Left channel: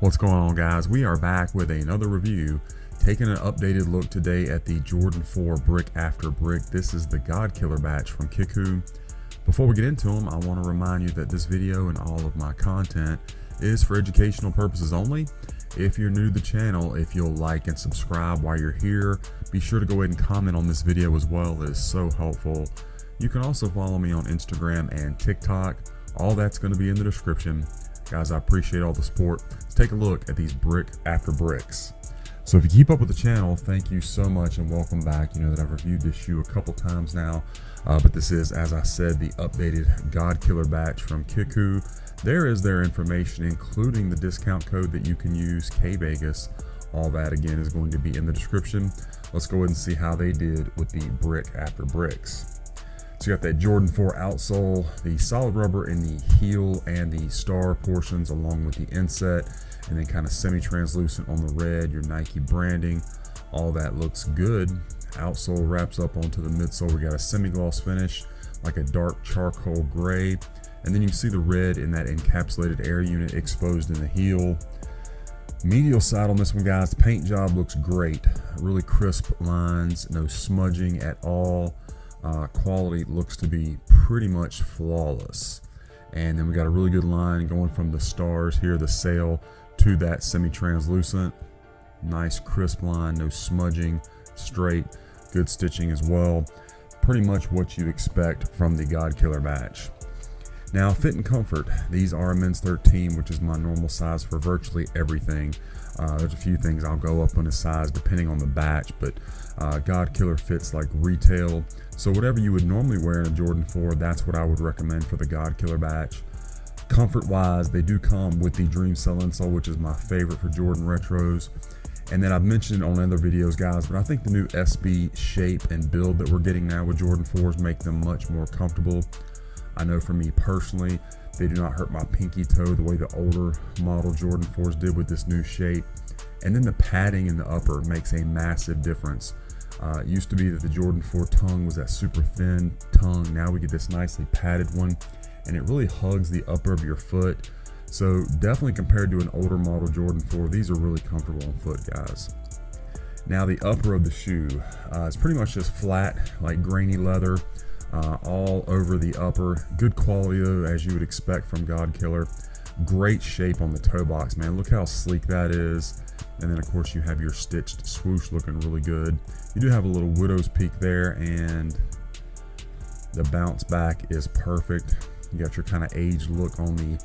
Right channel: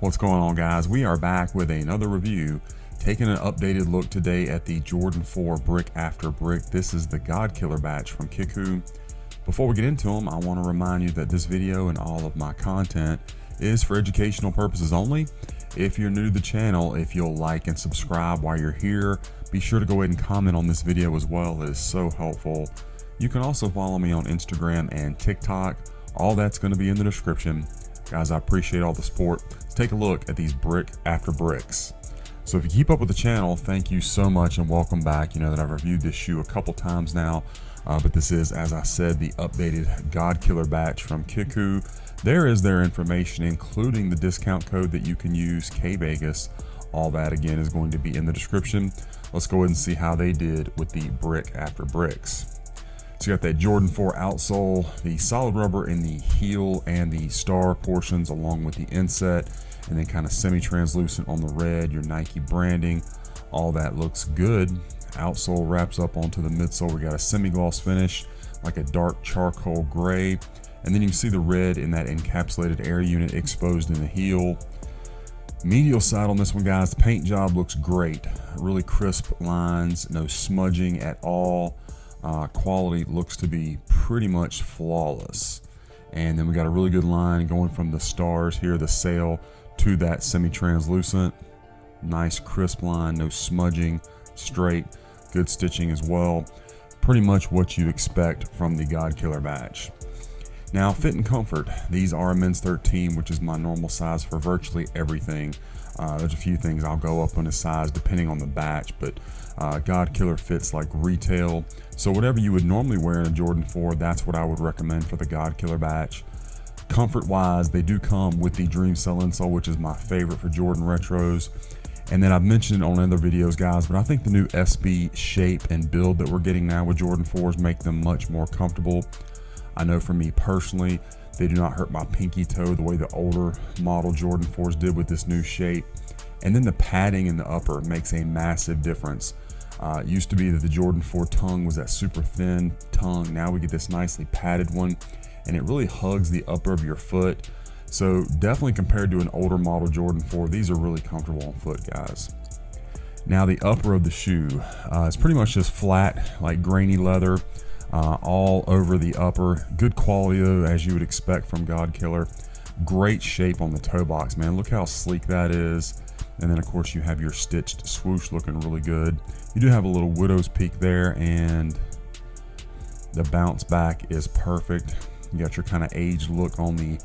What's going on, guys? We are back with another review, taking an updated look today at the Jordan 4 brick after brick. This is the God Killer batch from Kickwho. Before we get into them, I want to remind you that this video and all of my content is for educational purposes only. If you're new to the channel, if you'll like and subscribe while you're here, be sure to go ahead and comment on this video as well. It is so helpful. You can also follow me on Instagram and TikTok. All that's going to be in the description. Guys, I appreciate all the support. Let's take a look at these brick after bricks. So if you keep up with the channel, thank you so much and welcome back. You know that I've reviewed this shoe a couple times now, but this is, as I said, the updated God Killer batch from Kickwho. There is their information, including the discount code that you can use, kvegas. All that again is going to be in the description. Let's go ahead and see how they did with the brick after bricks. So you got that Jordan 4 outsole, the solid rubber in the heel and the star portions along with the inset, and then kind of semi-translucent on the red, your Nike branding. All that looks good. Outsole wraps up onto the midsole. We got a semi-gloss finish, like a dark charcoal gray. And then you can see the red in that encapsulated air unit exposed in the heel. Medial side on this one, guys, the paint job looks great. Really crisp lines, no smudging at all. Quality looks to be pretty much flawless. And then we got a really good line going from the stars here, the sail, to that semi-translucent. Nice crisp line, no smudging, straight, good stitching as well. Pretty much what you expect from the God Killer batch. Now, fit and comfort. These are a men's 13, which is my normal size for virtually everything. There's a few things I'll go up on a size depending on the batch, but God Killer fits like retail. So whatever you would normally wear in a Jordan 4, that's what I would recommend for the God Killer batch. Comfort wise, they do come with the Dream Cell insole, which is my favorite for Jordan retros. And then I've mentioned it on other videos, guys, but I think the new SB shape and build that we're getting now with Jordan 4s make them much more comfortable. I know for me personally, they do not hurt my pinky toe the way the older model Jordan 4s did with this new shape. And then the padding in the upper makes a massive difference. It used to be that the Jordan 4 tongue was that super thin tongue. Now we get this nicely padded one, and it really hugs the upper of your foot. So definitely compared to an older model Jordan 4, these are really comfortable on foot, guys. Now the upper of the shoe is pretty much just flat, like grainy leather. All over the upper. Good quality though, as you would expect from God Killer. Great shape on the toe box, man. Look how sleek that is. And then of course you have your stitched swoosh looking really good. You do have a little widow's peak there, and the bounce back is perfect. You got your kind of aged look on the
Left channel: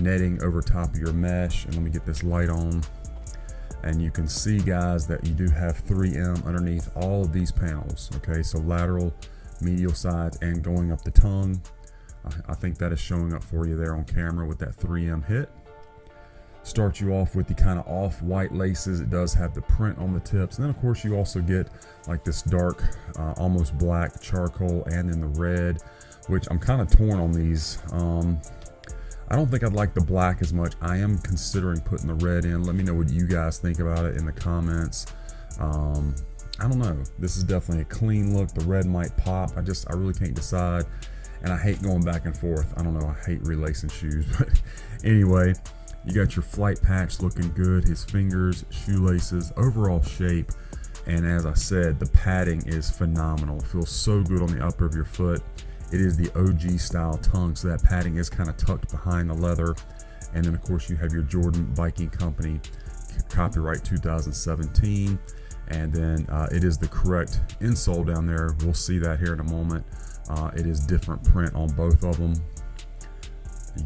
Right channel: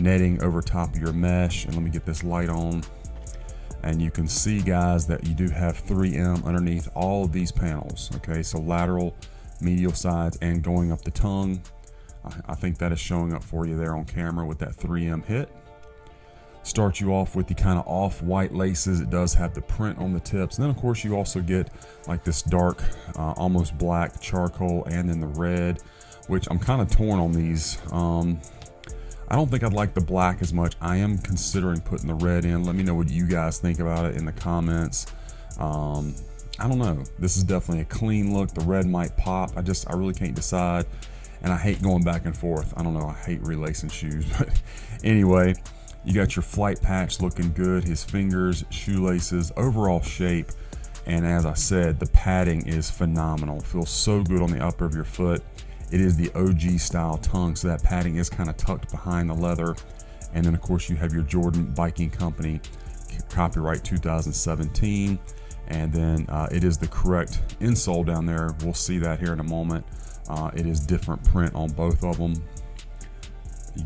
netting over top of your mesh. And let me get this light on. And you can see, guys, that you do have 3M underneath all of these panels. Okay, so lateral, medial sides, and going up the tongue. I think that is showing up for you there on camera with that 3M hit. Start you off with the kind of off-white laces. It does have the print on the tips, and then of course you also get like this dark almost black charcoal, and then the red, which I'm kind of torn on these. I don't think I'd like the black as much. I am considering putting the red in. Let me know what you guys think about it in the comments. I don't know. This is definitely a clean look. The red might pop. I really can't decide. And I hate going back and forth. I don't know. I hate relacing shoes. But anyway, you got your flight patch looking good. His fingers, shoelaces, overall shape. And as I said, the padding is phenomenal. Feels so good on the upper of your foot. It is the OG style tongue. So that padding is kind of tucked behind the leather. And then of course you have your Jordan Biking Company, copyright 2017. And then it is the correct insole down there. We'll see that here in a moment. It is different print on both of them.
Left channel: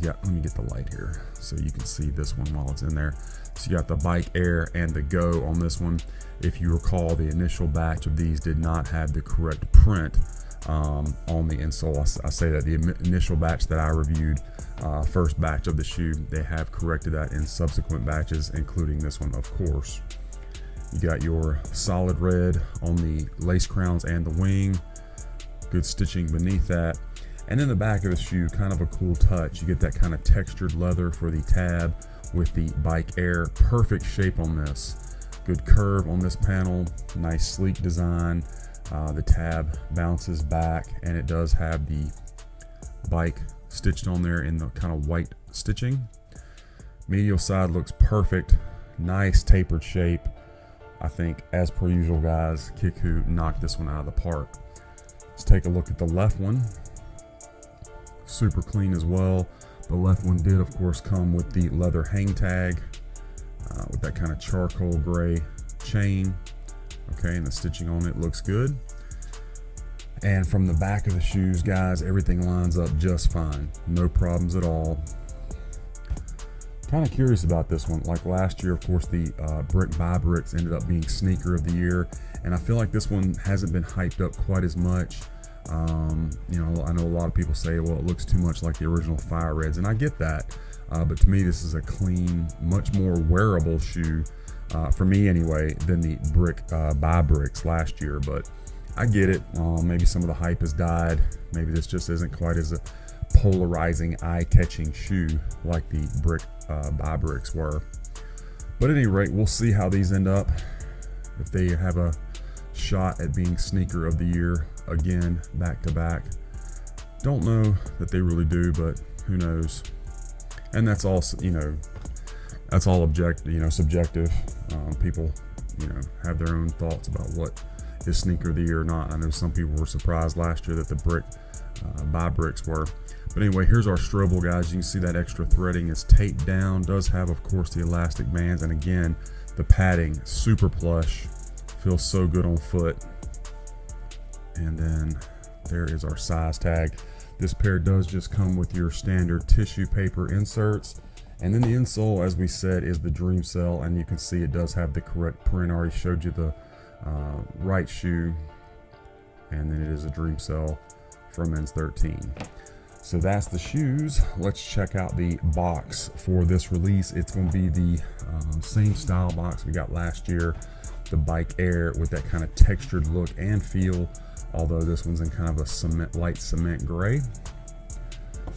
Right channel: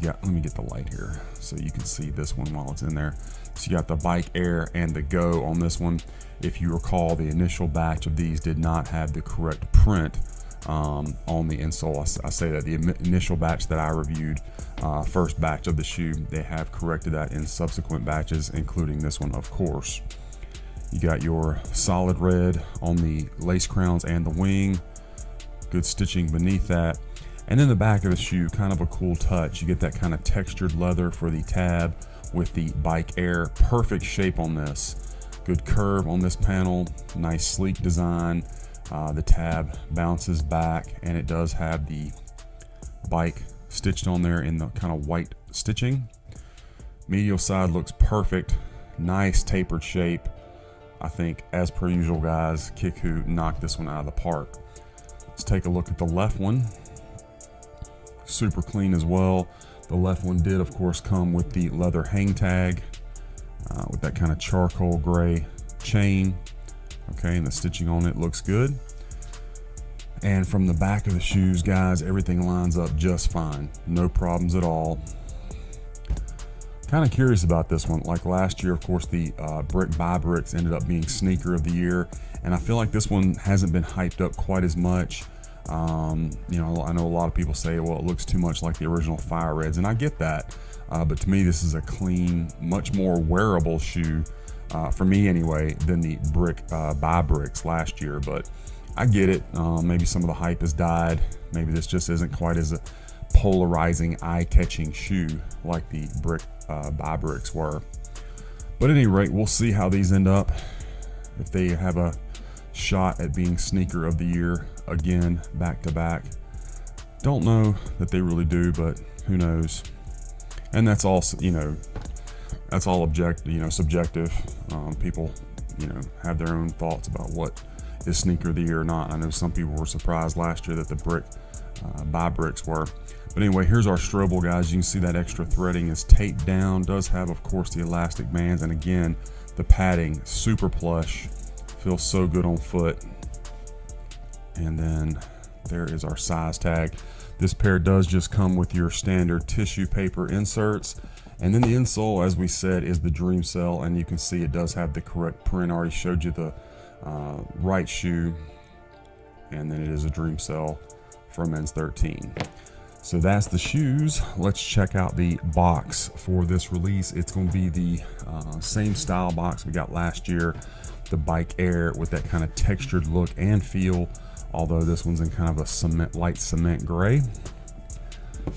Let me get the light here so you can see this one while it's in there. So you got the Bike Air and the Go on this one. If you recall, the initial batch of these did not have the correct print on the insole. I say that the initial batch that I reviewed, first batch of the shoe, they have corrected that in subsequent batches, including this one, of course. You got your solid red on the lace crowns and the wing. Good stitching beneath that. And then the back of the shoe, kind of a cool touch. You get that kind of textured leather for the tab with the Bike Air. Perfect shape on this. Good curve on this panel. Nice sleek design. The tab bounces back, and it does have the bike stitched on there in the kind of white stitching. Medial side looks perfect. Nice tapered shape. I think, as per usual, guys, Kickwho knocked this one out of the park. Let's take a look at the left one. Super clean as well. The left one did, of course, come with the leather hang tag with that kind of charcoal gray chain. Okay, and the stitching on it looks good. And from the back of the shoes, guys, everything lines up just fine. No problems at all. Kind of curious about this one. Like last year, of course, the Brick by Bricks ended up being sneaker of the year, and I feel like this one hasn't been hyped up quite as much. You know, I know a lot of people say, well, it looks too much like the original Fire Reds, and I get that. But to me, this is a clean, much more wearable shoe, for me anyway, than the Brick by Bricks last year. But I get it. Maybe some of the hype has died. Maybe this just isn't quite as a polarizing, eye-catching shoe like the Brick by Bricks were. But at any rate, we'll see how these end up, if they have a shot at being sneaker of the year again, back to back. Don't know that they really do, but who knows. And that's all, you know, that's all subjective. People, you know, have their own thoughts about what is sneaker of the year or not. I know some people were surprised last year that the Brick by Bricks were. But anyway, here's our Strobel, guys. You can see that extra threading is taped down. Does have, of course, the elastic bands, and again, the padding, super plush. Feels so good on foot. And then there is our size tag. This pair does just come with your standard tissue paper inserts. And then the insole, as we said, is the Dream Cell, and you can see it does have the correct print. I already showed you the right shoe, and then it is a Dream Cell for men's 13. So that's the shoes. Let's check out the box for this release. It's going to be the same style box we got last year, the Bike Air, with that kind of textured look and feel, although this one's in kind of a light cement gray.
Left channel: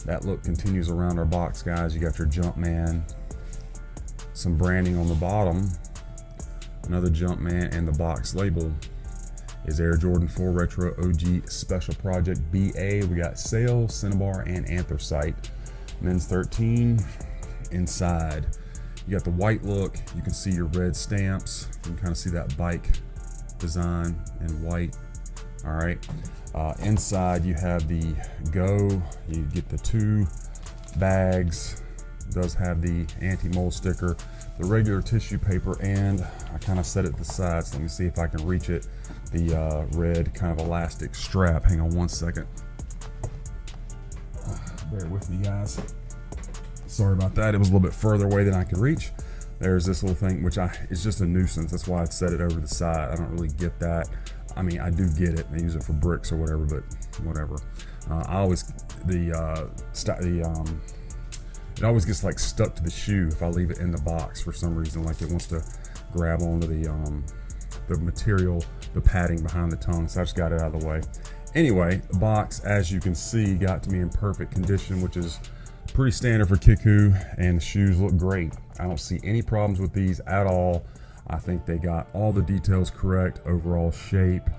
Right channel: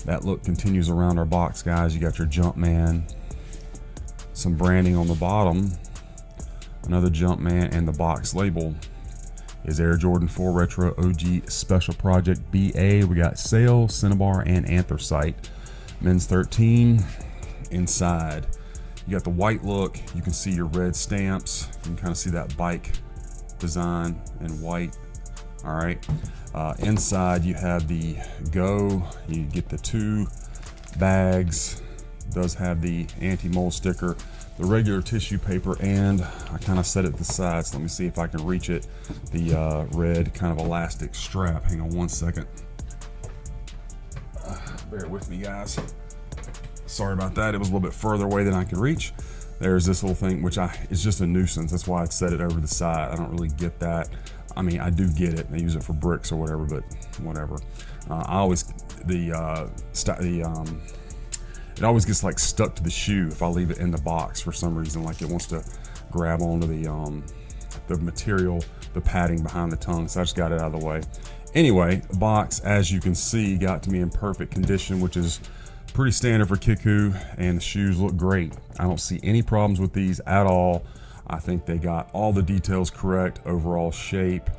That look continues around our box, guys. You got your Jumpman, some branding on the bottom, another Jumpman, and the box label is Air Jordan 4 Retro OG Special Project BA. We got Sail, Cinnabar, and Anthracite. Men's 13. Inside, you got the white look. You can see your red stamps. You can kind of see that bike design in white. All right. Inside, you have the Go. You get the 2 bags. Does have the anti-mold sticker, the regular tissue paper, and I kind of set it to the side, so let me see if I can reach it. The red kind of elastic strap. Hang on one second. Bear with me, guys. Sorry about that. It was a little bit further away than I could reach. There's this little thing, which it's just a nuisance. That's why I set it over to the side. I don't really get that. I mean, I do get it. I use it for bricks or whatever, but whatever. It always gets like stuck to the shoe if I leave it in the box for some reason. Like it wants to grab onto the material, the padding behind the tongue. So I just got it out of the way. Anyway, the box, as you can see, got to me in perfect condition, which is pretty standard for Kickwho, and the shoes look great. I don't see any problems with these at all. I think they got all the details correct, overall shape.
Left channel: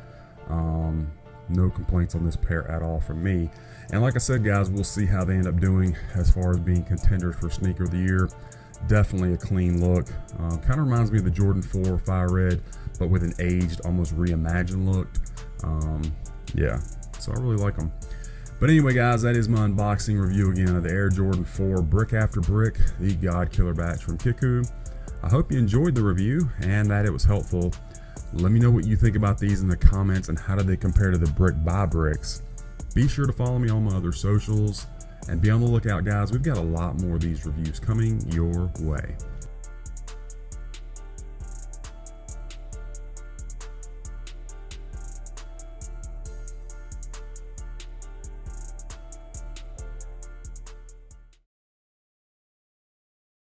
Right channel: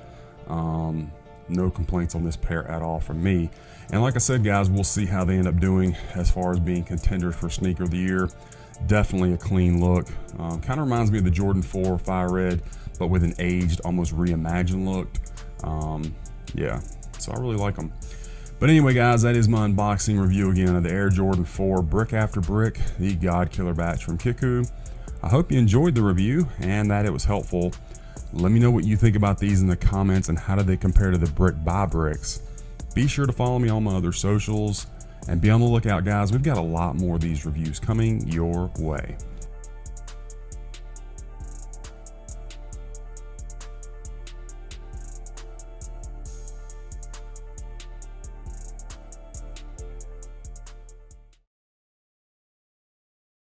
No complaints on this pair at all from me. And like I said, guys, we'll see how they end up doing as far as being contenders for sneaker of the year. Definitely a clean look. Kind of reminds me of the Jordan 4 Fire Red, but with an aged, almost reimagined look. Yeah, so I really like them. But anyway, guys, that is my unboxing review again of the Air Jordan 4 Brick After Brick, the God Killer batch from Kickwho. I hope you enjoyed the review and that it was helpful. Let me know what you think about these in the comments, and how do they compare to the Brick by Bricks. Be sure to follow me on my other socials, and be on the lookout, guys. We've got a lot more of these reviews coming your way.